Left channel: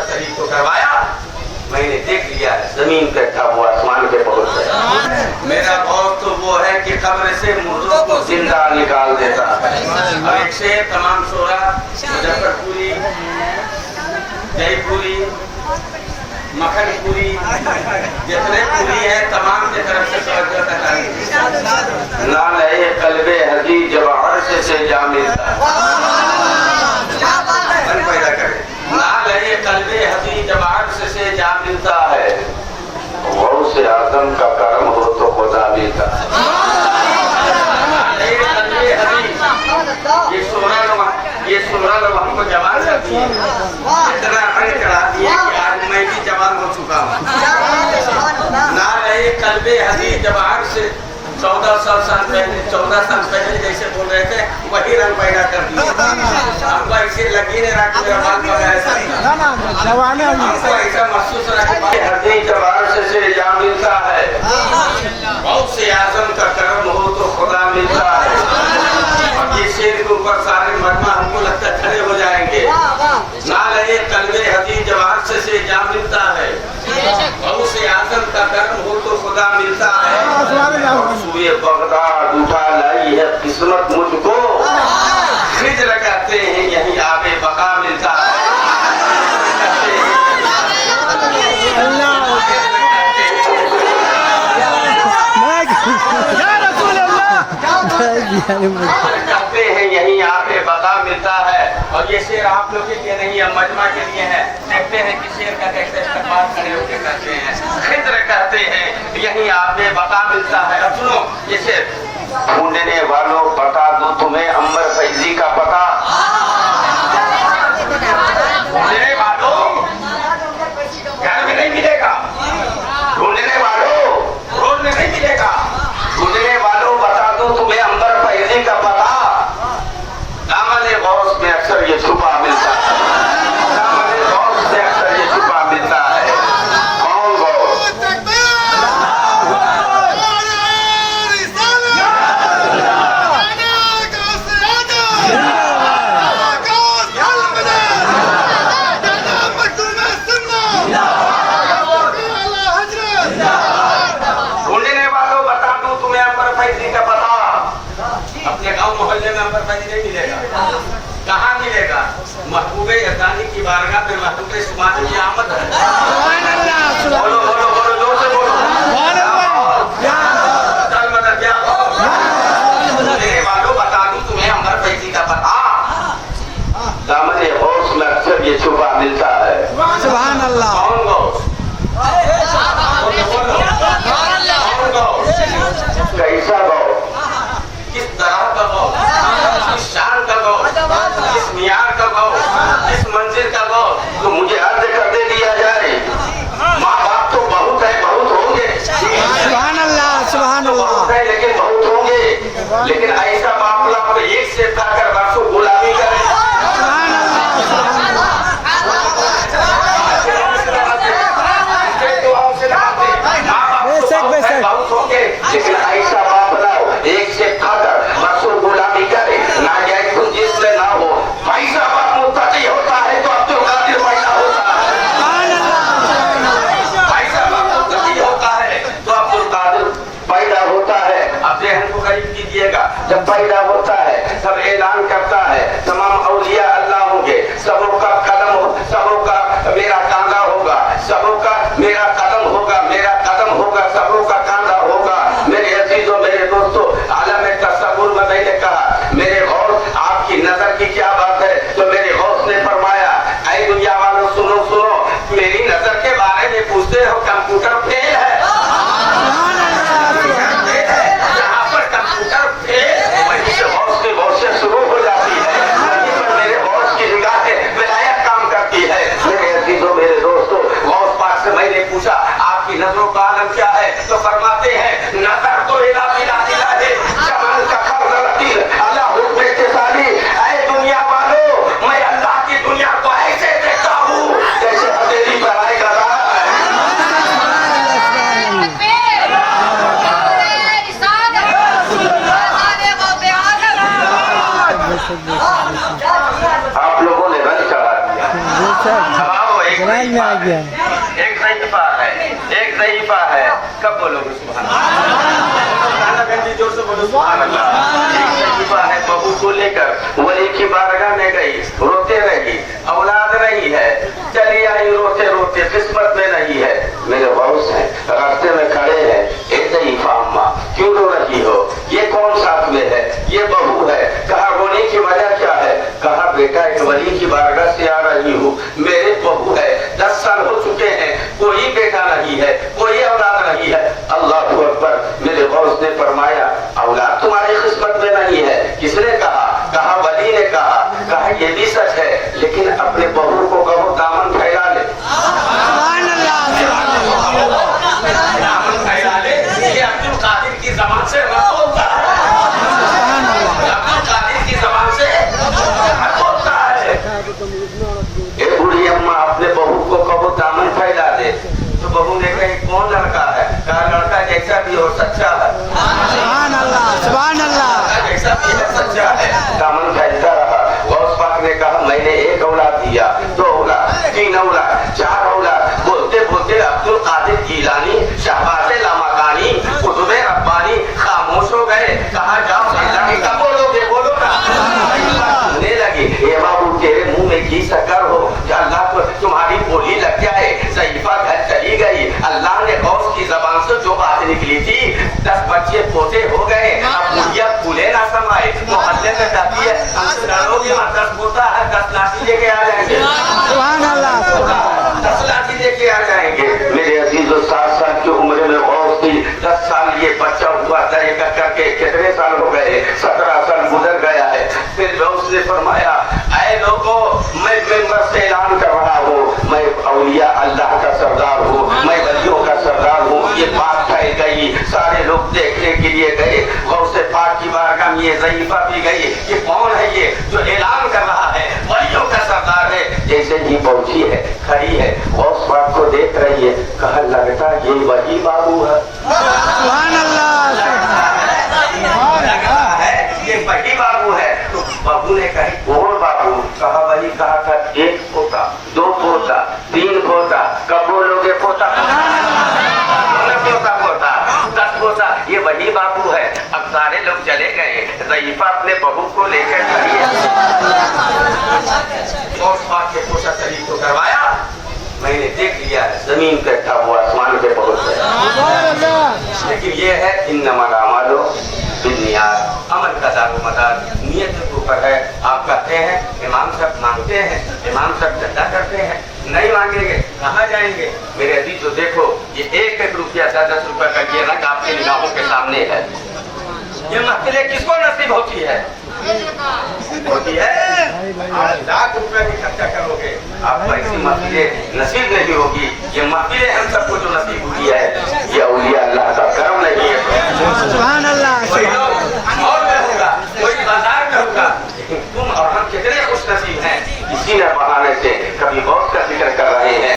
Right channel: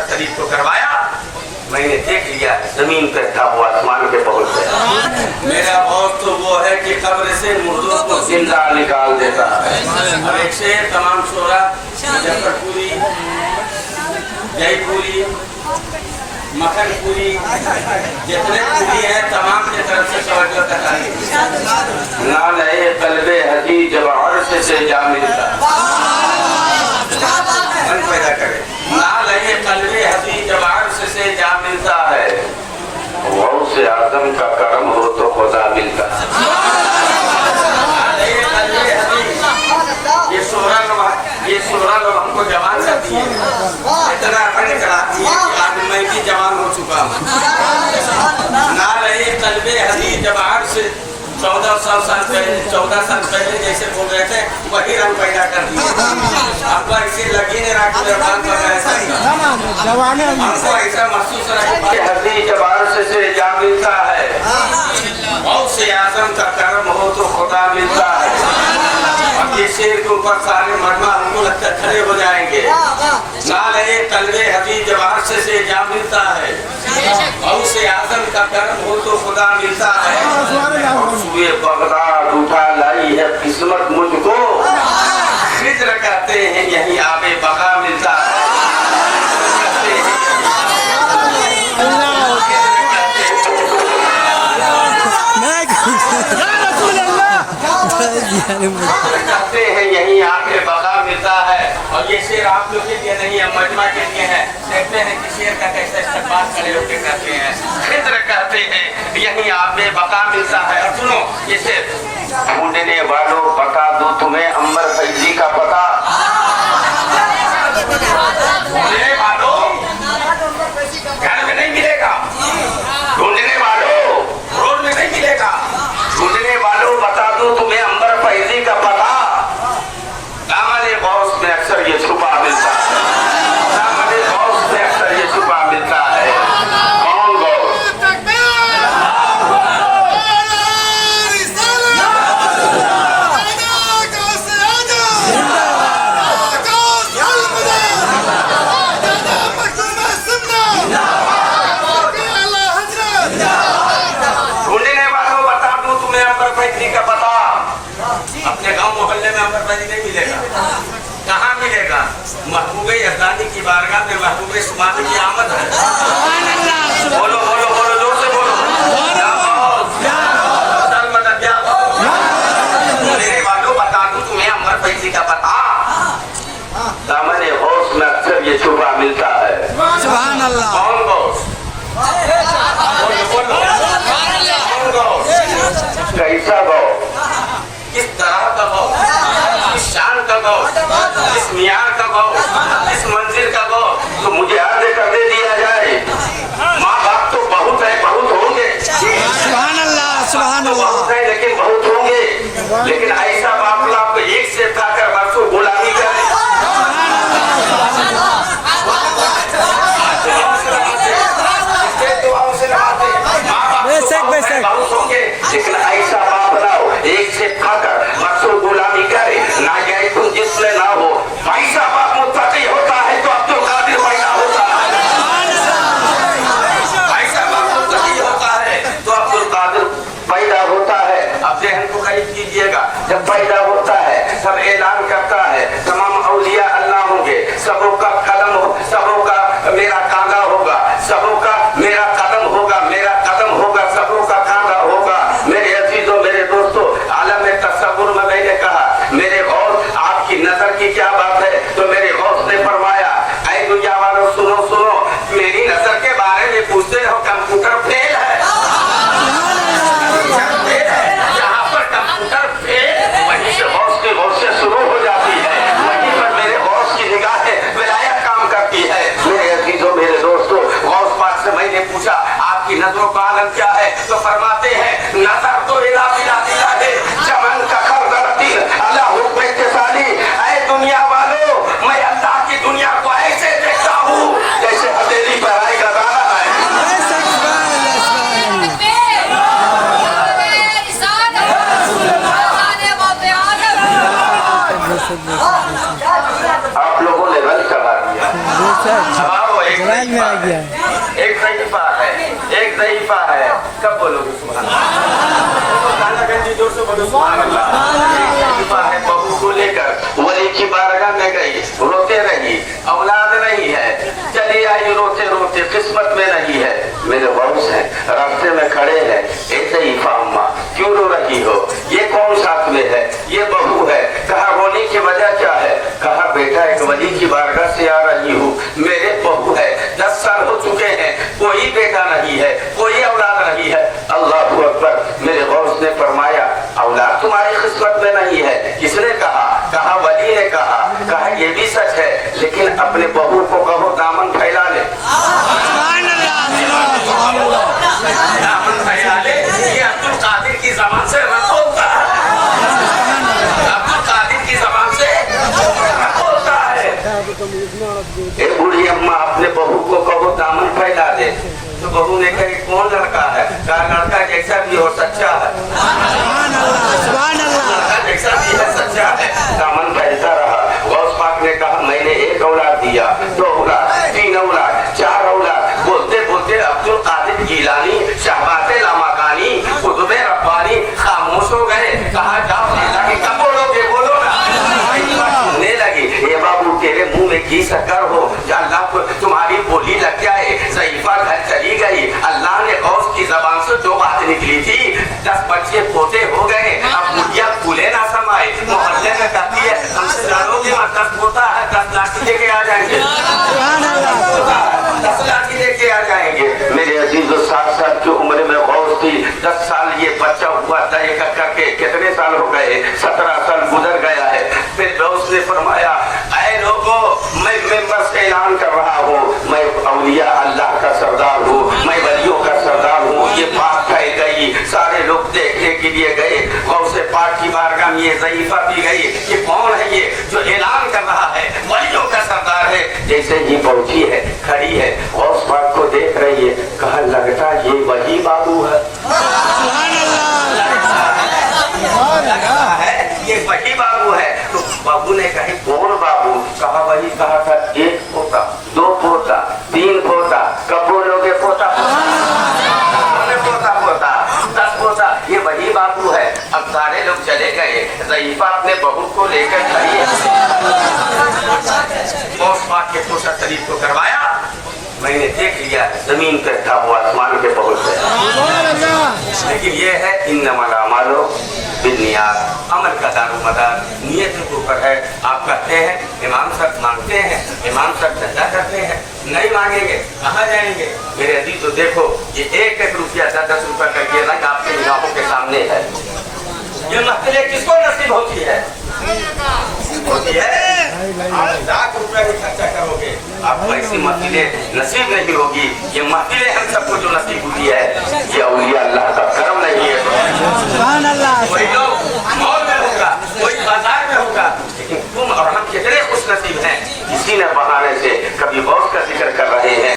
ऐसा शरीफ को करवाया, मैंने देख लिया जमीन पे था वो आसमान पे पहुंच गया। मेरा बहुत तो वो है कि कब्र से मुर्दों को जिंदा निकाल देता है। ऐसे तमाम शोरा मुजफ्फरपुरी, जयपुरी, मखनपुरी, जितने पूरी है तमाम की तरफ से तवज्जो करता ना लहे कल्बे हदी जब अर्श से जा मिलता मन पैदा करे, ना लहे कल्बे हदी जब अर्श से जा मिलता है, वो से आदम का कर्म हो तो खुदा मिलता। ये सोलह लोग हमको जवान करती है, इतना कराती है कि आज मैं भी जवान हो चुका हूँ। ना रहे कल्बे हदी जब आज से 14 साल पहले जैसे बोल रहे थे वही रंग पैदा कर दिए। हमको ऐसे लगी नहीं रहा कि मेरा बाल पका ऐसा, हमको ऐसा महसूस रहा कि हदी जब आज से जा मिलता है, बहुत से आजम का कर्म हो तो खुदा मिलता है। अब ये शेर के ऊपर सारे मजमा हमको लगता है खड़े हो जाएंगे। ना लगे कल्बे हदी जब अर्श से जा मिलता है, बहुत से आदम का कर्म हो तो खुदा मिलता है। सुबह बगदाद उठा लाई है किस्मत मुझको, खिज्र कहते हैं यही आबे बका मिलता है। कहते हैं यही आके बका मिलता है। और ये शेर आप लोग के लिए नहीं है, मजमा के लिए है। देखते हैं कि शेर का कैसे इस्तेमाल खड़े होकर करते हैं। खिज्र कहते हैं यही आके बका मिलता है। और सुनो ये शेर, ढूंढने वालों बता दो तुम्हें अंबर फैजी का पता, ढूंढने वालों घर में नहीं मिलेगा, ढूंढने वालों रोड में नहीं मिलेगा, ढूंढने वालों बता दो तुम्हें अंबर फैजी का पता। दामन गौस में अक्सर ये छुपा मिलता है, दामन गौस में अक्सर ये छुपा मिलता है। कौन गौस? अपने गांव मोहल्ले में अंबर फैजी नहीं मिलेगा, कहाँ मिलेगा? महबूबे अज़ानी की बारगाह में महबूबे सुबानी की आमद है। बोलो बोलो बोलो जोर से बोलो, बोलने वालों बता दूं तुम्हें अंबर फैजी का पता, दामन गौस में अक्सर ये छुपा मिलता है। सुभान अल्लाह। कौन गौस? कौन गौस? कैसा गौस? किस तरह का गौस, किस शान का गौस, किस मियार का गौस, किस मंजिल का गौस, तो मुझे अर्ज कर दे दिया जाए। माँ बाप तो बहुत है, बहुत होंगे, सुभान अल्लाह सुभान अल्लाह, लेकिन बहुत होंगे, लेकिन ऐसा बाप आपको एक से खाकर बरसों गुलामी करे। बहुत होंगे, लेकिन ऐसा बाप लाओ एक से खाकर बरसों गुलामी करे, ना गए तुम जिसमें ना हो। पैसा बाप मुत्तकी होता है तो अब्दुल कादिर पैदा होता है, पैसा बाप मुत्तकी होता है तो अब्दुल कादिर पैदा होता है। अब जहन को करीब कीजिएगा, जब पैदा होता है सब ऐलान करता है तमाम औलिया अल्लाह होंगे, सबों का कदम हो, सबों का मेरा कांधा होगा, सबों का मेरा कदम होगा, मेरा कदम होगा, सबों का कांधा होगा। मेरे अजीजों मेरे दोस्तों, आलम तसव्वुर में मैंने कहा मेरे गौस आपकी नजर की क्या बात है, तो मेरे गौस ने फरमाया ऐ दुनिया वालों सुनो सुनो, मेरी नजर के बारे में पूछते हो कंप्यूटर फेल है, जहाँ पर कंप्यूटर फेल वहीं से गौस की गौस से शुरू हो जाती है, वहीं पर मेरे गौस की निगाहें विलायत काम करती है। मेरे अजीजों मेरे दोस्तों, गौस पाक से मैंने पूछा आपकी नजरों का आलम क्या है, तो फरमाते हैं नजर तो इला बिला दिला है, जमाल का खर गलती अल्लाह हुक्म इत्तिसाली। ऐ दुनिया वालों मैं अल्लाह की दुनिया को ऐसे देखता हूँ जैसे हथेली पर आएगा गाना है। आप लोगों ने रंग चढ़ा दिया, जवान में आ गया। एक ज़ईफ़ा है, एक ज़ईफ़ा है। कब बोलोगे सुभान अल्लाह? एक ज़ईफ़ा है, बहू को लेकर वली की बारगाह में गई, रोते रही, औलाद नहीं है, चली आई रोते रोते, किस्मत में नहीं है। मेरे बॉस हैं, रास्ते में खड़े हैं, ए ज़ईफ़ा अम्मा क्यों रो रही हो? ये कौन साथ में है? ये बहू है। कहा रोने की वजह क्या है? कहा बेटा एक वली की बारगाह से आ रही हूँ, मेरे बहू है, 10 साल हो चुके हैं, कोई बेटा नहीं है, कोई औलाद नहीं है। अल्लाह अकबर। मेरे बॉस ने फरमाया औलाद तुम्हारी किस्मत में नहीं है। किसने कहा? कहा वली ने कहा। कहा ये भी सच है, लेकिन अपने बहू को कहो दामन फैला ले, दामन फैला ले। ये अब्दुल कादिर की ज़बान से रद्द होता है, अब्दुल कादिर की ज़बान से रद्द होता है। ए बूढ़ी अम्मा अपने बहू को कहो दामन फैला दे। तो बहू ने कहा कौन लड़का है? कहा लड़का जैसा भी हो सच्चा है, जैसा भी है सच्चा है। दामन फैलता रहा। गौस पाक ने कहा मैंने एक औलाद दिया, 2 औलाद, 3 औलाद, 4 औलाद। बोलते बोलते अब्दुल कादिर गीलानी, शहबाज़े लामाकानी, कुतुबे रब्बानी खामोश हो गए। कहा जाओ अल्लाह की कब बोलोगे, बोलो। सुनने लगे ये बाबू तेरे मुंह में घी शक्कर हो, अल्लाह को तुम्हारी बोली लग जाए। ज़ईफ़ा घर चली गई। अल्लाह ने गौस की ज़बान से जो बात निकली थी, 10 बच्चे पोते हो गए। अब मुझे फूले ना समाए, मोहल्ले में कहती है हमसे लड़ोगे मत, 10 पोता है, 10 लाठी लेके आ जाएंगे, 10 लाठी लेके आ जाएंगे। मेरे अजीज 7 साल की उम्र में गौस थी, 10 साल ये बच्चा हुआ था। एक करके कितने साल हो गए? 17 साल गुजर गया है। फिर गौस ने फरमाया ऐ लोगों, मैं मिंबर से ऐलान कर रहा हूँ, मैं औलिया अल्लाह का सरदार हूँ, मैं वलियों का सरदार हूँ। ये बात कह गई, सारे लोग देखने के लिए गए। गौसे पाक की बारगाह में ये ज़ईफ़ा भी गई। ये कौन है ये जो ऐलान कर रहा है वलियों का सरदार है? जैसे ही पहुंची है, खड़ी है, गौस पाक को देख रही है। कहा लगता ये वही बाबू है, लग रहा है ये वही बाबू है। तो बाबू ने कही कौन बाबू? कहा वही कहा था 1 पोता, 2 पोता, 3 पोता। कब बोलोगे पोता? पोता पोता 10 पोता, ये वही बाबू है। अब सारे लोग चले गए। ज़ईफ़ा अपने बहू को लेकर खड़ी है। गौस पाक के पोशा शरीफ को करवाया। मैंने देख लिया जमीन पे था, वो आसमान पे पहुंच गया। लेकिन ये है इन्नमल अमालु बिन्नियात, अमल का दारोमदार नियत के ऊपर है। आप कहते हैं इमाम साहब मांगते हैं, इमाम साहब धंधा करते हैं, नहीं मांगेंगे कहाँ जाएंगे? मेरे अजीज तो देखो ये 1-1 रुपया 10-10 रुपया करके रख आपके निगाहों के सामने है। ये महफिलें किसको नसीब होती है? होती है 1,00,000 रुपया भी खर्चा करोगे, आपको ऐसी महफिलें नसीब नहीं होगी। ये महफिलें हम सबको जो नसीब हुई है, ये औलिया अल्लाह का करम नहीं है। कोई लोग मॉल में होगा, कोई बाजार में होगा, लेकिन तुम और हम कितने खुश नसीब हैं, किसी न बहाने से कभी गौस का जिक्र कर रहे हैं।